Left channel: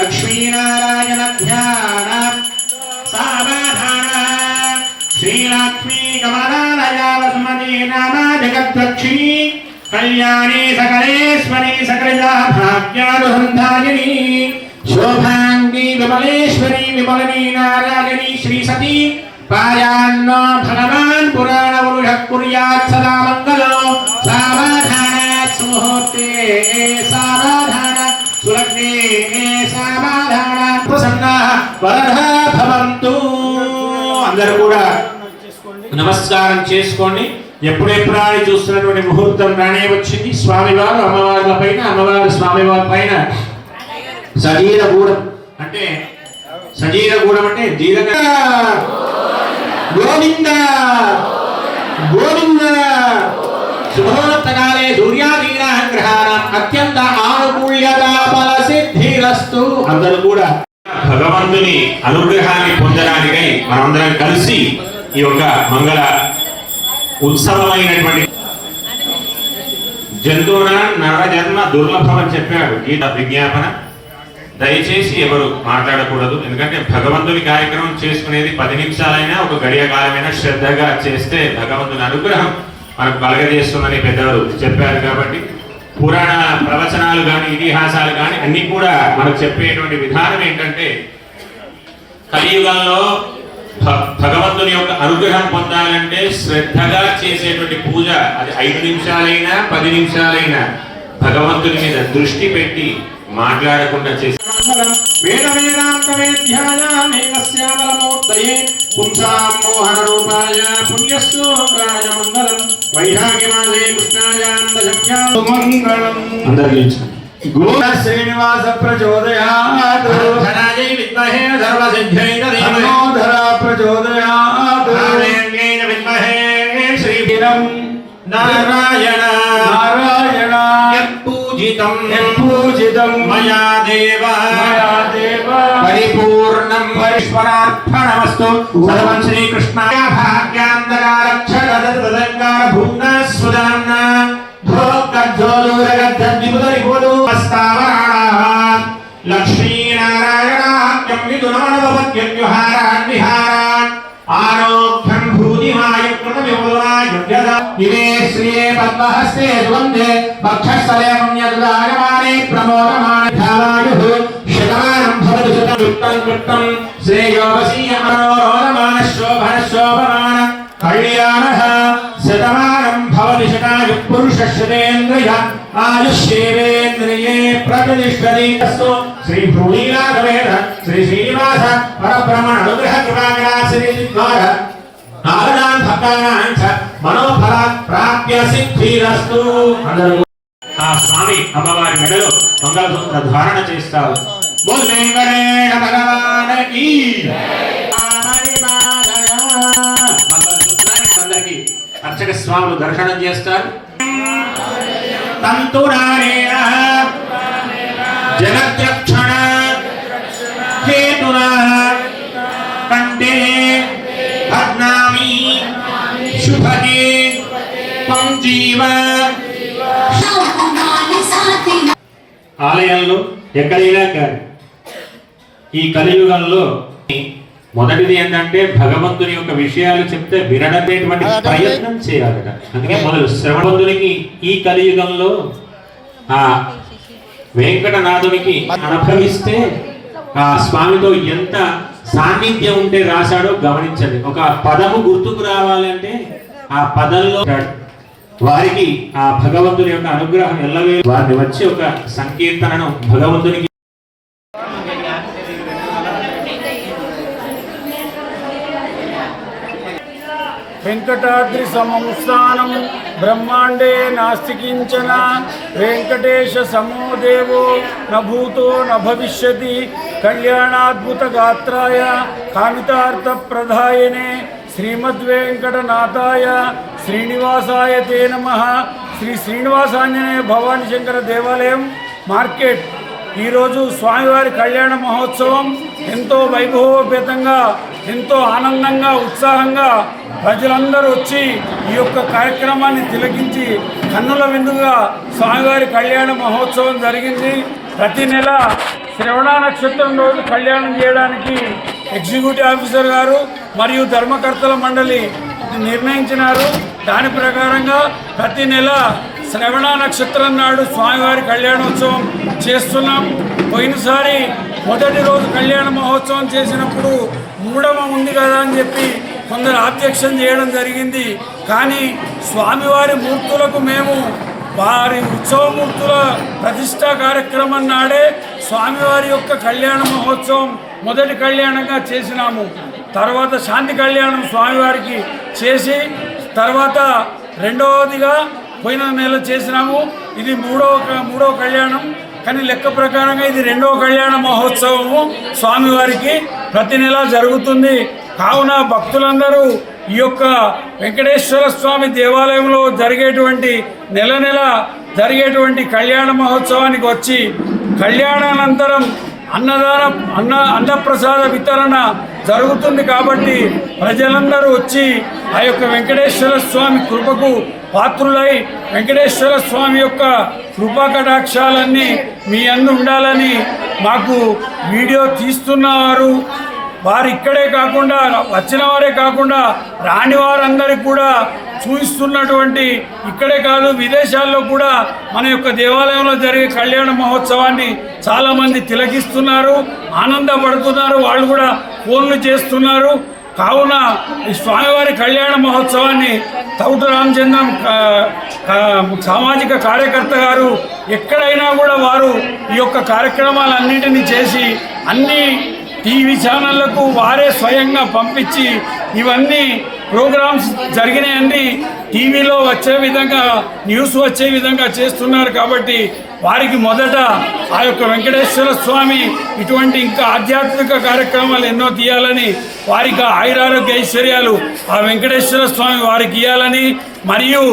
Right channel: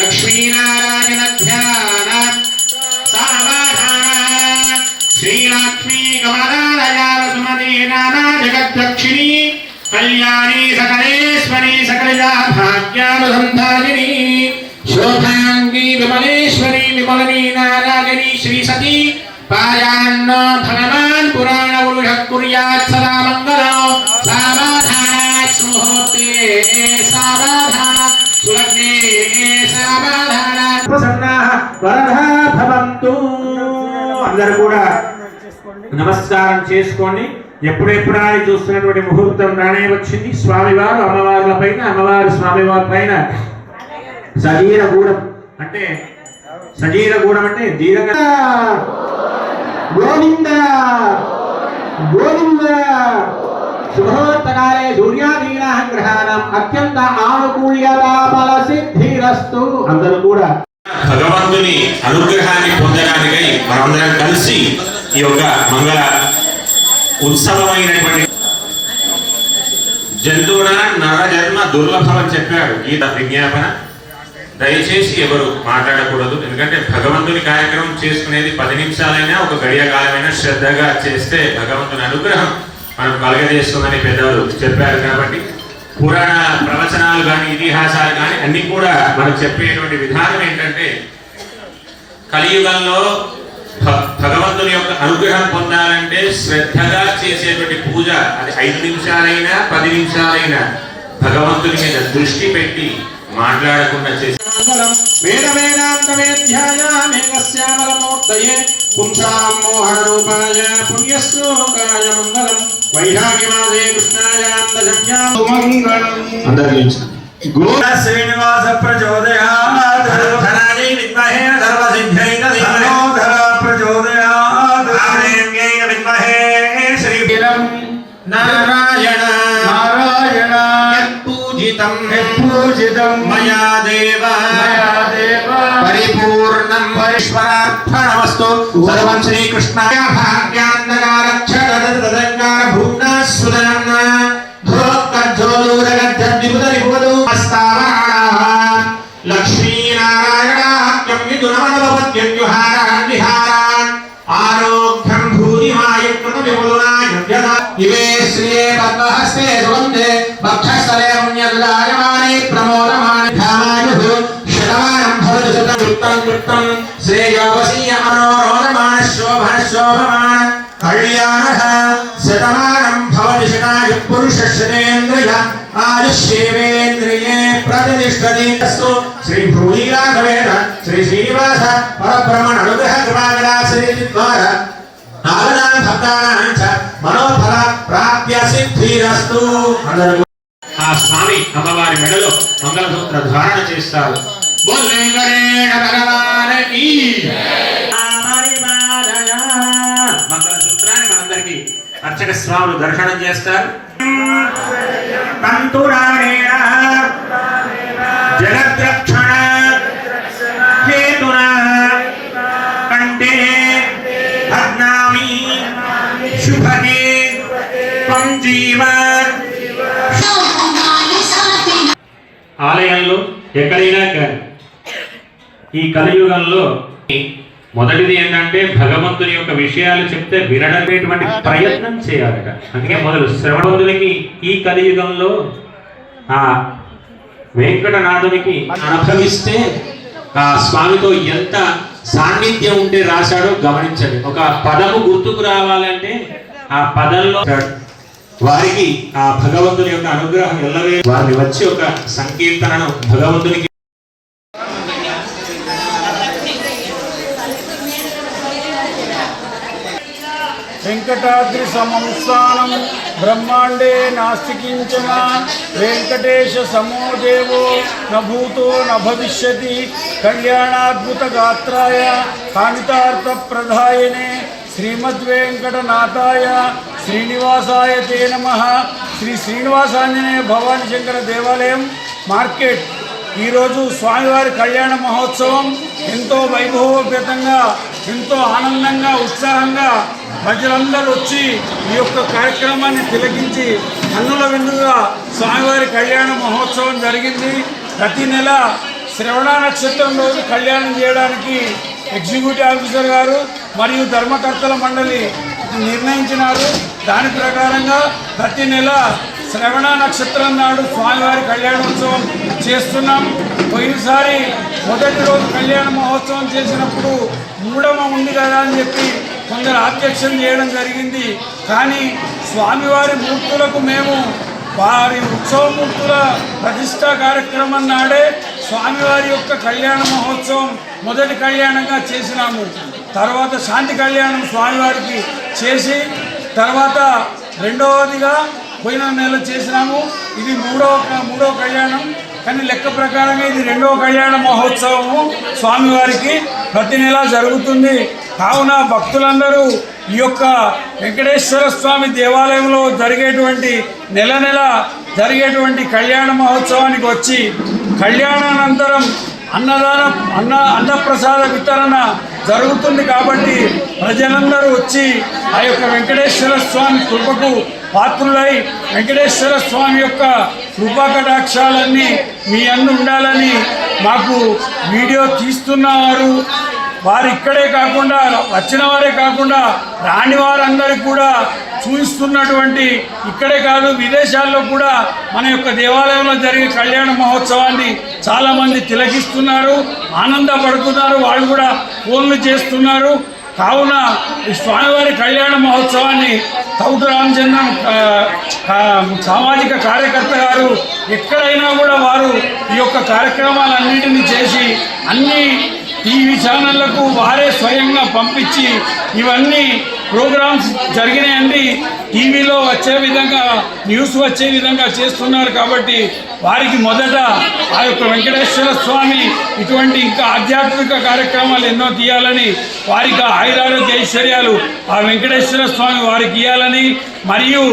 लक्ष्मीनारायण ध्यान समाधान श्रीलक्ष्मी कमलालयावसुमती नानाजगद्दक्षिणी कल्याणी सकलेश्वरी सकलजा भाग्यानुसंधारिणी शोभांगी विमलेश्वरी विमलनी नारायणी श्री सती पायान्न भगवान पुराण पुरुषः कुर्यात् सदा मंगलो समाधानात् सुमुहूर्ते समाधान सुलग्ने समाधान प्रसन्नाः वरदाः भवन्तु। అందరూ కూడా నమస్కారం చేసుకోండి. ఎప్పుడెప్పుడా చూస్తున్నటువంటి ముహూర్తం రానే వచ్చింది. స్వామివారు అమ్మవార్ల పైన అమ్మవారి స్వామివారి పైన సజీరగూడం అంటే సజీరగూడం అంటే దీర్ఘ గోవింద గోవింద శుభోత్తకాలే సూర్యాదీనాః గ్రహాణం అత్యంత ఆనుకూల్యతా ఫల సిద్ధిరస్తు. అందరూ కూడా భగవంతుని అనుగ్రహాన్ని పొందడానికై మనందరం కలిసి ఈ యొక్క మంగళ ఉత్సవమైనటువంటి జంతువున నరజన్మ దుర్లభం అని చెప్పాడు గీత విజ్ఞాపన. దయచేసి ఎవరు మాట్లాడకూడదు. ఎందుకంటే భగవంతుని కార్యక్రమం చేసుకునేది 10 నిమిషాలైనా ఒక గడియ కాలమైనా శ్రద్ధగా చేస్తే భగవంతుని అనుగ్రహం మనకు కలగజేస్తుందని పెద్దవారు చెప్పారు. కాబట్టి పురాణ ప్రవచనాలు కానీ ఇతిహాసాలు కానీ అన్ని కూడా మనకు చెప్పేటువంటి విధానం ఏంటంటే కలియుగంలో భగవంతుని యొక్క అనుగ్రహం పొందాలంటే శ్రద్ధగా చేసేటువంటి పూజ అది 5 నిమిషాలైనా 10 నిమిషాలైనా భగవంతుని మీద దృష్టి పెట్టి మాట్లాడకుండా చేసే శ్రీనివాస ప్రచోదయాత్ ప్రచోదయాత్ శ్రీరం నారాయణ నారాయణ పూజితం పూజితం మయా దేవ పరిపూర్ణం ఈశ్వరార్పణమస్తు. సర్వం శ్రీకృష్ణాయ భాగ్యాంతకారక్షరదదంగార భూమ్నస్సుదాన్న భోక్కజ్జోలూరగద్ధద్విపుదరిపుడు అస్తావరాణాః లక్ష్మీనారాయణాఖ్యం విదునమనవపత్యుహారాన్ విహారాన్ ఆరోగ్యం భూతిమాయకృత విములాయ యదా ఇవే శ్రీయే పద్మహస్తే సుగంధే భక్షస్థలే పుణ్యదుదాయమానే ప్రమోదమానే ధామాయుః శతమానం భవతి శతయుక్తం యుక్తం శ్రేయోవసీయ మనోరమాణ శోభన శోభమాన కళ్యాణః శతమానం భవతి శతాయుః పురుషः శతేంద్రియ ఆయుష్యేవేంద్రియే ప్రతిష్ఠతి. శ్రీ భూమిలాగవేద శ్రీ శ్రీనివాస పరబ్రహ్మణ అనుగ్రహ కృపావిలాసీద్వార నారాయణ భక్తానాం చ మనోఫల ప్రాప్య సిద్ధిరస్తు. ఆ స్వామి అమ్మవారి మెడలో మంగళసూత్ర ధారణ చేస్తారు. బోల్ వెంకటేశ్వర భగవానికి మంగళసూత్రాన్ని మనందరికీ అర్చక స్వాములు దర్శనం చేస్తారు. తంతురాణేన జగద్రక్షణ హేతునా కంఠే అజ్ఞామి శుభగే పంజీవ. ఆలయంలో ఎక్కడైనా కానీ ఈ కలియుగంలో మొదటిది ఏంటంటే భగవంతుని యొక్క విషయాలు చెప్తే వినడనేటువంటి ప్రయత్నం చేయాలట. అందుకే మొదలు శ్రవణవంతునికి ఈ కలియుగంలో ఆ వెంకటనాథునికి అనుభవిస్తే ఆ స్వామితో ఎంత సాన్నిధ్యం ఉంటే రాశాడో గమనించండి. ఒక పదము గుర్తుకు రావాలంటే ఆ పదంలో వారికి ఆ భగవంతుని యొక్క అనుగ్రహం ఎల్లవే వారిని వచ్చి ఒక సంకీర్తనను భగవంతునికి వెంకటాద్రి సమస్థానం బ్రహ్మాండే నాస్తి కించన వెంకటేశ సమో దేవో న భూతో న భవిష్యతి కళ్యాణాద్భుత గాత్రాయ కామితార్థ ప్రదాయనే శ్రీమద్వేంకటనాథాయ శ్రీనివాసాయ తే నమః. శ్రీ శ్రీనివాసాంజనేయ భవానీ శంకర దేవాలయం మార్కెట్ ఈరోజు స్వామివారి కళ్యాణ మహోత్సవం ఎంతో వైభవోపేతంగా, ఎంతో ఆనందంగా, ఉత్సాహంగా ప్రజలందరూ వచ్చి ఈ యొక్క కార్యక్రమాన్ని తిలకించి కన్నుల విందుగా స్వామివారి కళ్యాణ మహోత్సవం జరిగింది. ప్రతి నెల శ్రవణ నక్షత్రం రోజు కళ్యాణం చేయడానికి ఎగ్జిక్యూటివ్ ఆఫీసర్ గారు మరియు ధర్మకర్తల మండలి నిర్ణయించినారు. దాని ప్రకారంగా ప్రతి నెల శ్రవణ నక్షత్రం నాడు స్వామివారి కళ్యాణోత్సవం చేస్తున్నాం. పోయినసారి మొదటి రోజు కళ్యాణ మహోత్సవం చేసినప్పుడు మూడవ ఉంది కదా అని చెప్పి కొందరు ఆబ్జెక్షన్ చేయడం జరిగింది. కానీ స్వామివారి మూర్తులకు మేము వారి ఉత్సవమూర్తుల ప్రతిష్టా కార్యక్రమం నాడే స్వామివారి యొక్క కళ్యాణ మహోత్సవం మొదటి కళ్యాణంగా చేసినాము. తర్వాత శాంతి కళ్యాణం స్వామివారికి చేసి తర్వాత రెండవదిగా పోయిన నెల చేసినాము. ఇది మూడవ కళ్యాణం. కానీ లెక్క ప్రకారంగా ఇది రెండవ కళ్యాణ మహోత్సవము స్వామివారికి ప్రతి నెల జరుగుతుంది. కావున భక్తులందరూ ఈ యొక్క వెంకటేశ్వర స్వామి దేవాలయంలో జరిగేటువంటి నెల నెల జరిగేటువంటి కళ్యాణ మహోత్సవానికి వచ్చి కళ్యాణానంతరం అన్నప్రసాద వితరణ జరుగుతుంది. కాబట్టి ప్రజలందరూ వచ్చి ఆ యొక్క వెంకటేశ్వర స్వామి కృపకు పాత్రులై వెంకటేశ్వర స్వామి యొక్క కృపా కటాక్షాలన్నీ మీ అందు ఉండాలని మాకు వీడియో తీస్తున్నారు. వారు ఇక్కడే కాకుండా వచ్చిన వారే కాకుండా రాని వారందరికీ కూడా చూపిస్తున్నటువంటి, ఇక్కడే కాదు విదేశాల్లో కూడా మన యొక్క దేవాలయంలో జరిగే కళ్యాణ మహోత్సవాన్ని చాలామంది తిలకిస్తున్నారు, ఆనందపడుతున్నారు. వాళ్ళు కూడా ఫోన్లు చేస్తున్నారు. కావున ఈ స్వామివారి కళ్యాణ మహోత్సవాన్ని తౌట రామచంద్రం సామాజిక కార్యకర్త గారు ఎక్కడైనా కూడా వారు ఈ యొక్క కార్యక్రమాలన్నింటినీ చేసి అన్ని టీవీ ఛానళ్లకు వారే స్వయంగా పంపించి ఇవన్నీ ప్రోగ్రామ్స్ జరిగినాయన్నీ టీవీలో వచ్చే విధంగా, న్యూస్ వచ్చే విధంగా చేస్తున్నారు. కాబట్టి వారికి మొదట ఆ యొక్క వెంకటేశ్వర స్వామి ఇటువంటి ఇంకా ఆధ్యాత్మిక కార్యక్రమాలు ఎన్నో తీయాలని, వారికి ఆయురారోగ్య ఐశ్వర్యాలు ఆ వెంకటేశ్వర స్వామి వారికి ఇవ్వాలని, మరియు